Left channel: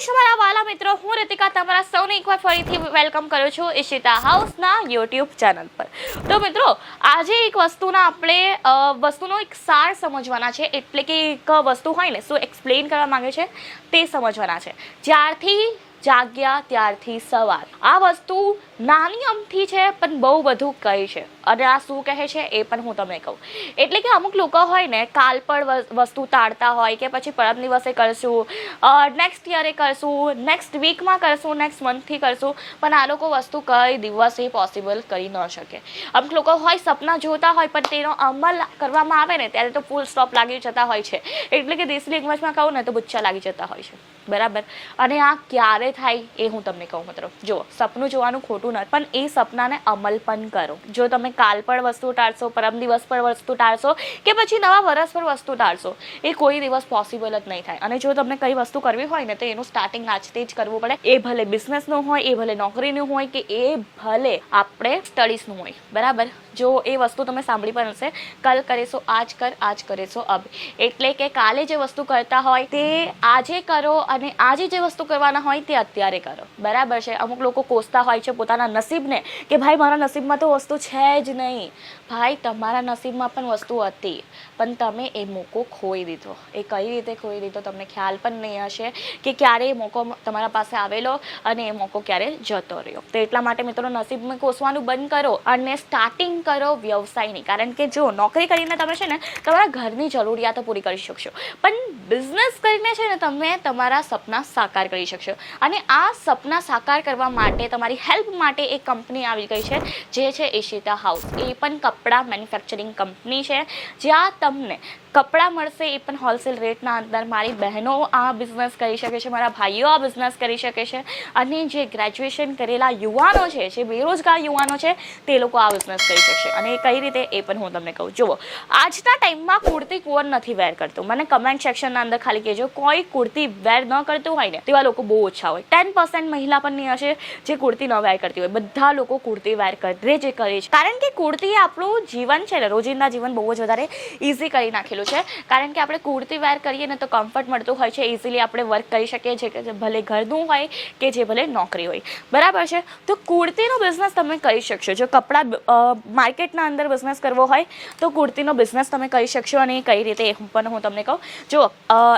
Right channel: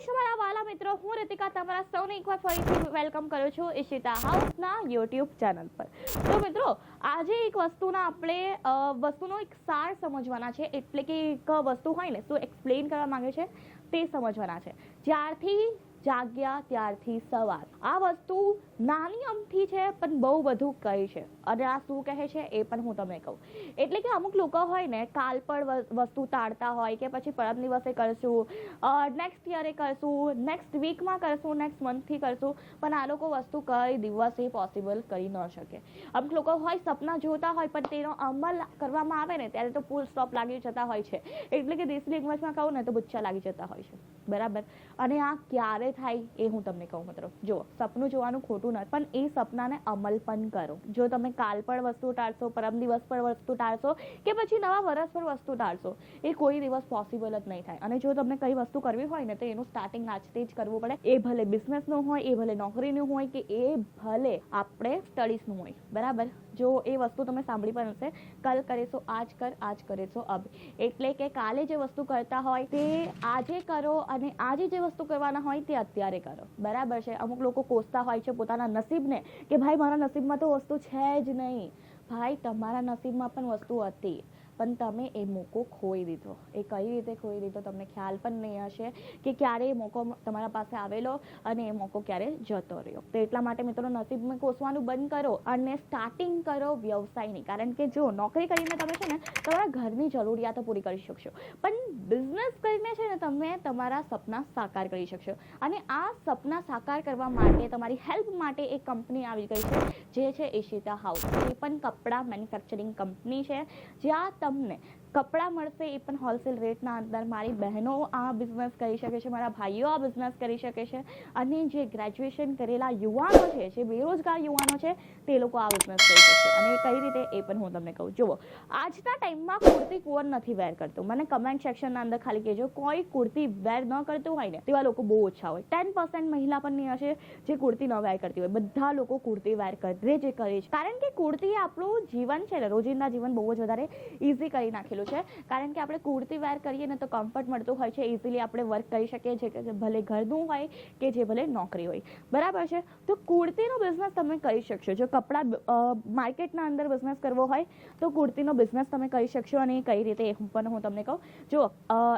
કેમ મારા વાલા મિત્રો, હું રીતિકા તમારા સૌને એકવાર ફરીથી વેલકમ કરું છું ઈશિતા હાઉસના યુટ્યુબ ચેનલ પર. તો મિત્રો, આજે એક વસ્તુનો એક સાર સમજવાના છે, એટલે કે એક વસ્તુ હોય ને શું એક્સપ્લેન કરવા માંગે છે તે સમજવાના છે. જ્યારથી જાગ્યા ત્યારથી સવાર. આ વસ્તુ નાની અમથી છે પણ બહુ બધું કહે છે, અને આ શું કહે છે એ પણ હું તમને કહું. એટલે કે અમુક લોકો હોય ને કાલ પર વસ્તુ ટાળતા હોય કે પછી પરમ દિવસે કરશું, નેક્સ્ટ યરે કરશું, નેક્સ્ટ વીકમાં કરશું, નેક્સ્ટ મંથથી કરશું, પણ આ લોકો વસ્તુ કઈ દિવસે પોસિબલ કરી ન શકે. અમુક લોકો હોય સપના જોતા હોય પણ તેનો અમલ કરવામાં આવે ને ત્યારે તો ફૂલ સ્ટોપ લાગી જતા હોય છે. એટલે કે દેશી લેંગ્વેજમાં કહું ને તો બુચ્ચા લાગી જતા હોય છે, બરાબર. અને આ ક્યારે થાય એ હું તમને કહું. મિત્રો જો, સપનું જોવાનું ખોટું નથી, પણ એ સપનાને અમલ પણ કરો. જો તમે કાલ પર વસ્તુ ટાળશો, પરમ દિવસ પર વસ્તુ ટાળશો કે પછી નવા વર્ષ પર વસ્તુ ટાળશો, એ કોઈ દિવસ પોસિબલ જ નહીં થાય. અને જો તમને કઈ વસ્તુ કરવી હોય ને તો એનું સ્ટાર્ટિંગ આજથી જ કરવું પડે. એ ભલે બિઝનેસનું હોય, એ ભલે નોકરીનું હોય, કે એ ભલે આપણે સ્ટડીઝનું હોય, બરાબર. જો એ વસ્તુ તમે સાંભળી પણ હશે, કલ કરેશો આજ કર, આજ કરેશો અબ. એટલે કે કાલે જે વસ્તુ કરતા હોય તે આજે કરો, અને આજે જે વસ્તુ કરવાના હોય તે અત્યારે કરો, બરાબર છે. અમુક લોકો કોસતા હોય છે પોતાના નસીબને કે ભાઈ મારા નસીબમાં તો વસ્તુ છે જ નહીં. ભાઈ, તમારા નસીબમાં પણ વસ્તુ હતી, પણ તમે એ મોકો ખોઈ દીધો. એ કઈ રીતે ખોઈ દીધો તમને ખ્યાલ પણ નહીં હશે કે ક્યારે એ મોકો તમારા પાસે આવેલો અને એ મોકો ક્યારે જતો રહ્યો. તો એટલા માટે મિત્રો, નસીબમાં કોસવાનું બંધ કરો અને સ્ટાર્ટિંગ કરો વ્યવસાયની. કારણ કે જો નોકરી કરીને તમે છે ને તમારા ઘરની જરૂરિયાતો પૂરી કરી શકશો, પણ બિઝનેસ કરીને છે ને તમે તમારા સપના સાકાર કરી શકશો. અને આ સપના સાકાર કરવા માટે તમારી હેલ્પ માટે એક કંપની આવી ગઈ છે, જે છે ઈશિતા હાઉસ. એ પણ કપડાં મેન્યુફેક્ચરિંગ કંપની છે, જ્યાં તમને કપડાં મળશે, એ પણ હોલસેલ રેટના અંદર. મારી બહેનો આ બિઝનેસ કરી શકે છે, મારા ભાઈઓ આ બિઝનેસ કરી શકે છે, અને જે ગ્રેજ્યુએશન કરેલા યુવાનો છે, જે બેરોજગાર યુવાનો છે, તે લોકો આ બિઝનેસ કરી શકશે. અને કઈ રીતે એ પણ હું તમને કહું. જુઓ, આજના ટાઈમમાં કુર્તી કોણ નથી વેર કરતું? મને કમેન્ટ સેક્શનના અંદર ખાલી કહેજો, કોઈ કુર્તી વેર ન કરતું હોય ને તેવા લોકો બહુ ઓછા હોય. 10% મહિલા પણ નહીં હશે જે કુર્તી ન વેર કરતી હોય. બધા લોકો કુર્તી વેર કરે છે. કારણ કે કુર્તી આપણું જીવન છે ને, રોજિંદા જીવન બહુ જ વધારે ઇઝી કરી નાખેલું છે. કારણ કે આપણે કુર્તી વેર કરીએ ને તો કમ્ફર્ટ મળતું હોય છે, ઇઝીલી આપણે વર્ક કરી શકીએ છીએ, ભલે ઘરનું હોય કે જે ભલે નોકરી હોય, બરાબર છે. તો કુર્તીનો બિઝનેસ તમે કરી શકશો. જો કપડાં માર્કેટના અંદર બિઝનેસ કરવો હોય તો કુર્તીનો બિઝનેસ તમે કરી શકશો. અને કઈ રીતે એ પણ હું તમને કહું. જો,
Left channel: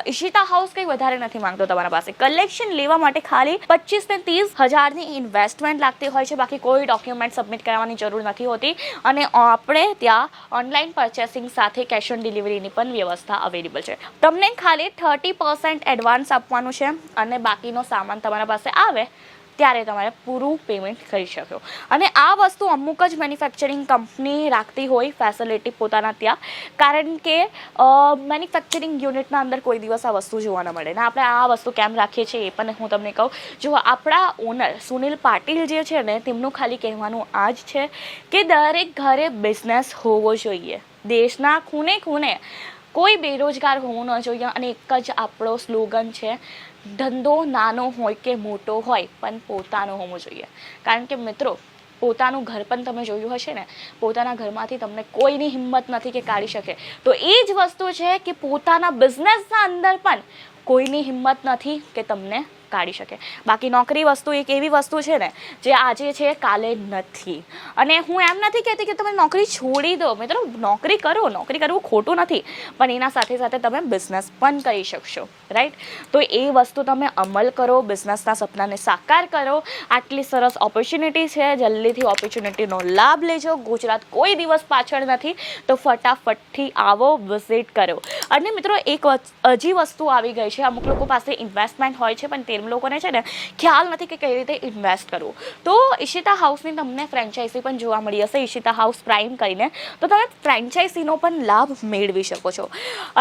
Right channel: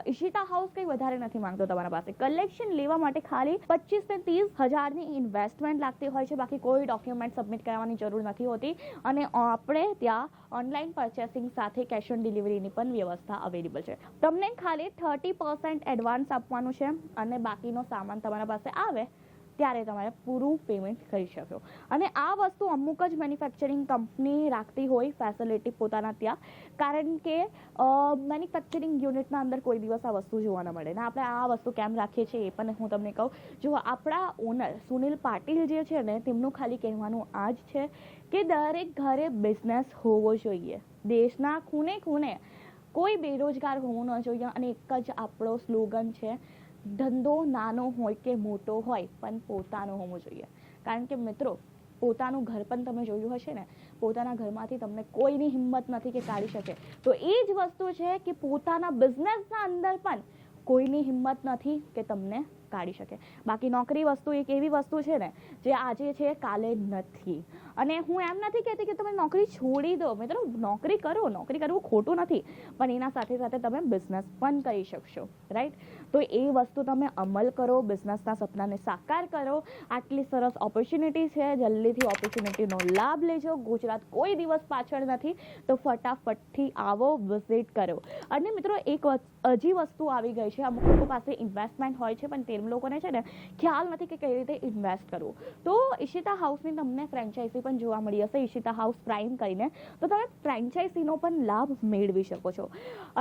ઈશિતા હાઉસ કંઈ વધારે નથી માંગતો તમારા પાસે. કલેક્શન લેવા માટે ખાલી 25 ને 30 હજારની ઇન્વેસ્ટમેન્ટ લાગતી હોય છે. બાકી કોઈ ડોક્યુમેન્ટ સબમિટ કરવાની જરૂર નથી હોતી. અને આપણે ત્યાં ઓનલાઈન પરચેસિંગ સાથે કેશ ઓન ડિલિવરીની પણ વ્યવસ્થા અવેલેબલ છે. તમને ખાલી 30% એડવાન્સ આપવાનું છે, અને બાકીનો સામાન તમારા પાસે આવે ત્યારે તમારે પૂરું પેમેન્ટ કરી શકો. અને આ વસ્તુ અમુક જ મેન્યુફેક્ચરિંગ કંપની રાખતી હોય ફેસિલિટી પોતાના ત્યાં. કારણ કે મેન્યુફેક્ચરિંગ યુનિટના અંદર કોઈ દિવસ આ વસ્તુ જોવા ન મળે. ને આપણે આ વસ્તુ કેમ રાખીએ છીએ એ પણ હું તમને કહું. જો, આપણા ઓનર સુનિલ પાટીલ જે છે ને, તેમનું ખાલી કહેવાનું આ જ છે કે દરેક ઘરે બિઝનેસ હોવો જોઈએ. દેશના ખૂણે ખૂણે કોઈ બેરોજગાર હોવું ન જોઈએ. અને એક જ આપણો સ્લોગન છે, ધંધો નાનો હોય કે મોટો હોય પણ પોતાનો હોવો જોઈએ. કારણ કે મિત્રો, પોતાનું ઘર પણ તમે જોયું હશે ને, પોતાના ઘરમાંથી તમને કોઈની હિંમત નથી કે કાઢી શકે. તો એ જ વસ્તુ છે કે પોતાના બિઝનેસના અંદર પણ કોઈની હિંમત નથી કે તમને કાઢી શકે. બાકી નોકરી વસ્તુ એક એવી વસ્તુ છે ને જે આજે છે કાલે નથી. અને હું એમ નથી કહેતી કે તમે નોકરી છોડી દો. મિત્રો, નોકરી કરો, નોકરી કરવું ખોટું નથી, પણ એના સાથે સાથે તમે બિઝનેસ પણ કરી શકશો, રાઈટ. તો એ વસ્તુ તમે અમલ કરો, બિઝનેસના સપનાને સાકાર કરો. આટલી સરસ ઓપોર્ચ્યુનિટી છે, જલ્દીથી ઓપોર્ચ્યુનિટીનો લાભ લેજો. ગુજરાત કોઈ દિવસ પાછળ નથી, તો ફટાફટથી આવો, વિઝિટ કરો. અને મિત્રો, એક હજી વસ્તુ આવી ગઈ છે. અમુક લોકો પાસે ઇન્વેસ્ટમેન્ટ હોય છે, પણ લોકોને છે ને ખ્યાલ નથી કે કઈ રીતે ઇન્વેસ્ટ કરવું. તો ઈશિતા હાઉસની તમને ફ્રેન્ચાઇઝી પણ જોવા મળી હશે, ઈશિતા હાઉસ પ્રાઇમ કરીને. તો તમે ફ્રેન્ચાઇઝીનો પણ લાભ મેળવી શકો છો.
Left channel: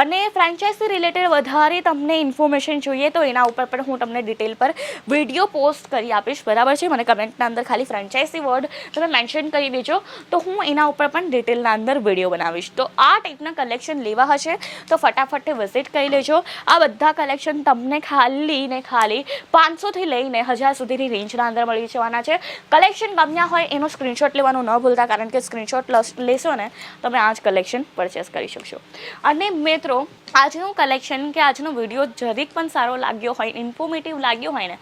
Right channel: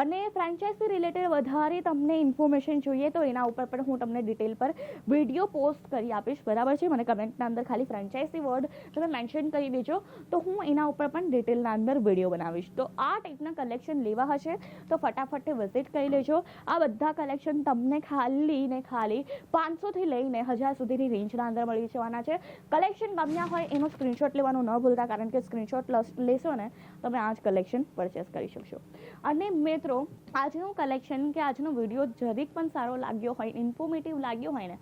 અને ફ્રેન્ચાઇઝી રિલેટેડ વધારે તમને ઇન્ફોર્મેશન જોઈએ તો એના ઉપર પણ હું તમને ડિટેલ પર વિડીયો પોસ્ટ કરી આપીશ, બરાબર છે. મને કમેન્ટના અંદર ખાલી ફ્રેન્ચાઇઝી વર્ડ તમે મેન્શન કરી દેજો, તો હું એના ઉપર પણ ડિટેલના અંદર વિડીયો બનાવીશ. તો આ ટાઈપના કલેક્શન લેવા હશે તો ફટાફટ વિઝિટ કરી લેજો. આ બધા કલેક્શન તમને ખાલી ને ખાલી 500થી લઈને 1000 સુધીની રેન્જના અંદર મળી જવાના છે. કલેક્શન ગમ્યા હોય એનો સ્ક્રીનશોટ લેવાનું ન ભૂલતા, કારણ કે સ્ક્રીનશોટ લેશો ને તમે આ જ કલેક્શન પરચેસ કરી શકશો. અને મિત્રો, આજનું કલેક્શન કે આજનો વિડીયો જરીક પણ સારો લાગ્યો હોય, ઇન્ફોર્મેટિવ લાગ્યો હોય ને,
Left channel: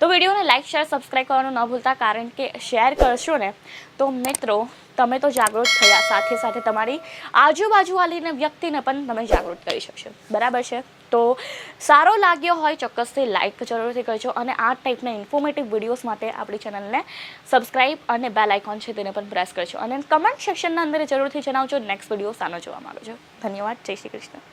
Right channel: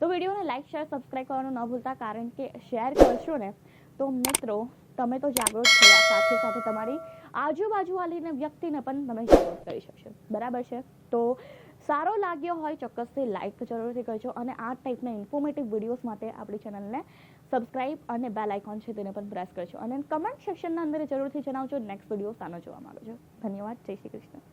તો વિડીયોને લાઇક, શેર, સબસ્ક્રાઈબ કરવાનું ન ભૂલતા, કારણ કે શેર કરશો ને તો મિત્રો તમે તો જાગૃત થયા, સાથે સાથે તમારી આજુબાજુવાળીને વ્યક્તિને પણ તમે જાગૃત કરી શકશો. બરાબર છે? તો સારો લાગ્યો હોય ચોક્કસથી લાઇક જરૂરથી કરજો, અને આ ટાઈપના ઇન્ફોર્મેટિવ વિડીયોઝ માટે આપણી ચેનલને સબસ્ક્રાઈબ અને બેલ આઇકોન છે તેને પણ પ્રેસ કરજો, અને કમેન્ટ સેક્શનના અંદર જરૂરથી જણાવજો નેક્સ્ટ વિડીયો સાનો જોવા માંગો છો. ધન્યવાદ. જય શ્રી કૃષ્ણ.